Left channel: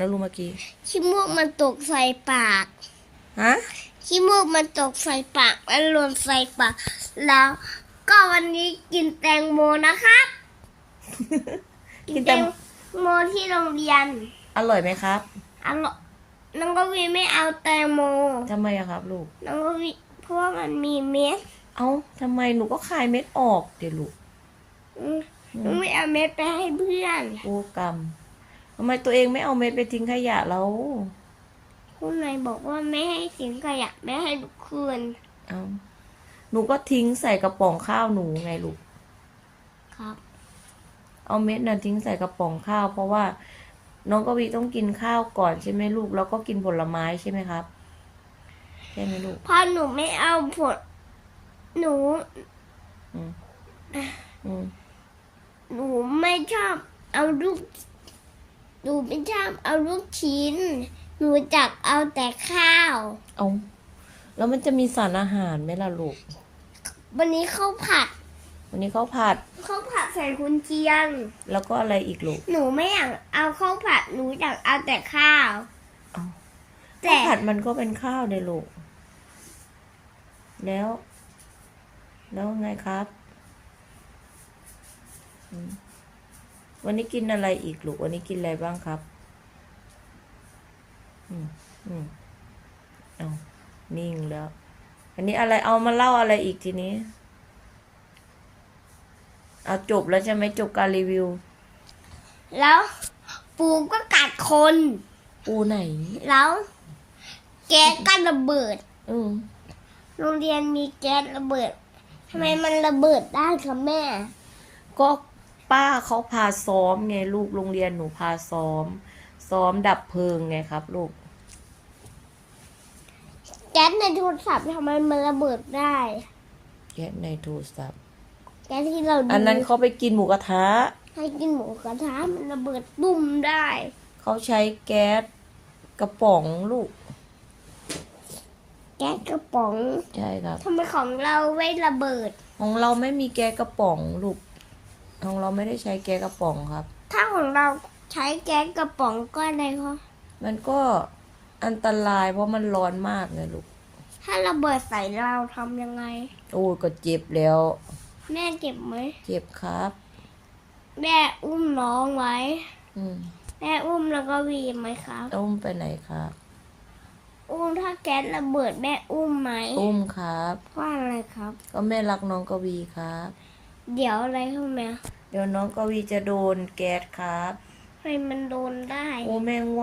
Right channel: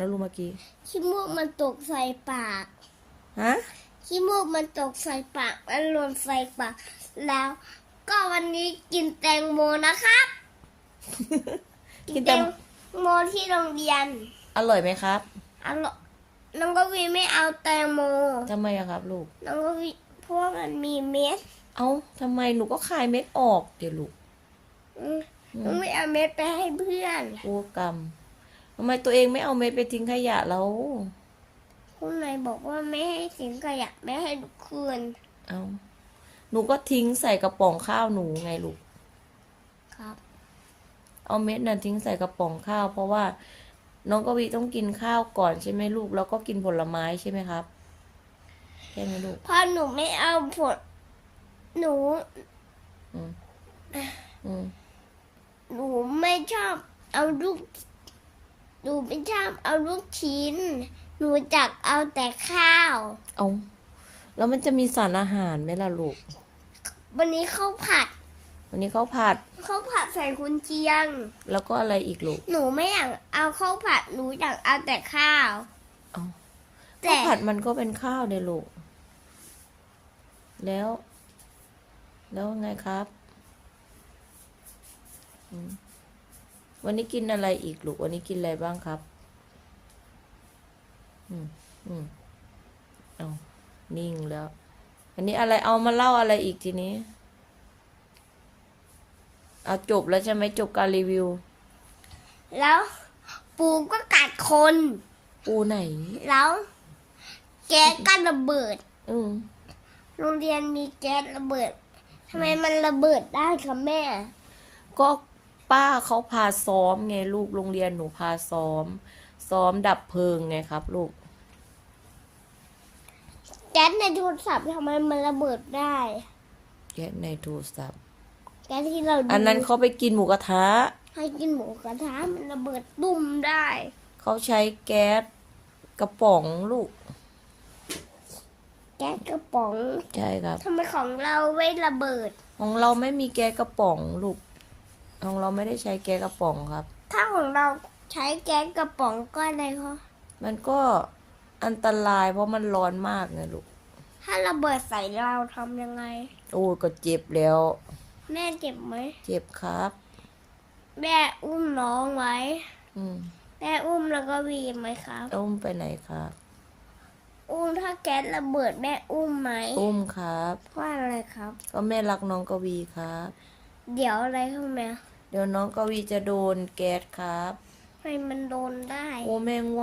นะลูกเมื่อกี้ขี้มูกมันตกใส่ปากฮะขี้มูกมันตกใส่ปากมันหล่นใส่ปากแล้ว ก็วันนี้กินแตงโมนะครับ กินแตแต่งโมที่โรงเรียน อร่อยไหมครับอร่อยน้องกวีไม่เอาแตงโมทำไมอะครับลูกน้องกวีเพราะว่ามันมีเม็ด เอ้าทำไมหนูก็คายเม็ดออกเดี๋ยวลูกอืมน้องไม่เอาเม็ดไปให้เพื่อน โอ้กรรม ทำไมตัวเองไม่เอาเม็ดไปทิ้งขยะแล้วคุณนายบอกว่าไม่ให้สิงขยะไม่ให้ทุกคืนเอาหนูก็ทิ้งใส่กระป๋องข้าวหนูไงลูก ครับ เอาเม็ดน่ะทิ้งใส่กระป๋องข้าว เพราะว่า น้องกวีต้องกินข้าวก่อนใช่ไหมลูก แล้วก็กินผลไม้ใช่ไหมครับใช่ไหมลูกเพราะหนูไม่เอาผล หนู อืมอืมหนูไม่ชอบเอาลูก หนูไม่ชอบเอาลูกชิ้น หนูจักเอาแต่ข้าว เอาแล้วมันจะมีสารอาหารไหมล่ะลูก วันนี้ข้าวผัดวันนี้เขาวผัดข้าวผัดใส่คุณเจียง แล้วก็อะไรอีกลูกหนูไม่อยากเอาข้าวผัดหนูอยากเอาแต่ข้าวเอาแต่ผัดมันก็เป็นข้าวเด้ลูก แล้ว แล้วไงครับอืม วันนี้กินอะไรอีกลูกวันนี้กินอะไรบ้างครับ อืมอืมเอานิ่งแล้ว อันนี้อะไรเอามาเล่าอะไรอีกทีนี้ เอาจบแล้วใช่ไหมจบการรีวิว แล้วปูก็กัดคน ปูไหน แล้วแก๊สก็ระเบิด อืมโรงเรียนมีแก๊สระเบิดทำไมมันระเบิดได้คะแม่ ก็ ป้าเขาพาซ้อมไงลูกโรงเรียนหนูพาซ้อม ซ้อมดับเพลิงไงครับ ลูก แก๊สในโทรศัพท์ทำไมมันระเบิดได้แก๊สในโทรศัพท์แก๊สที่เราดูอันนั้นเขาไปกินหมูกระทะให้กินหมูกระทะมันระเบิดบุ่มได้ เขาใช้แก๊สกระป๋องลูก แก๊สกระป๋องใช่ครับทำไมของเราไม่ระเบิด ของเราไม่มีแก๊สกระป๋องลูก ของเราไม่ได้ใช้แก๊สกระป๋องครับ ถ้าของเราใช้แก๊สกระป๋องก็อะไรคะมันก็อันตรายเพราะมันร้อนมากเลยลูก ถ้าระเบิดใส่เราทำยังไง โอ้ยก็เจ็บแล้ว แม่เจ็บไหม เจ็บครับ แม่อุ้มน้องไว้ อืมแม่อุ้มแล้วก็วีไหมครับ อุ้มไปไหนครับ อุ้มถ้าแก๊สระเบิดแม่อุ้มไหม อุ้มครับ เพราะอะไรครับ ก็แม่รักน้องกวีครับ เดี๋ยวอะไรครับแม่เดี๋ยวน้องกวีจะโดนแก๊สครับทำไมมันโดนได้ โอ้แม่งว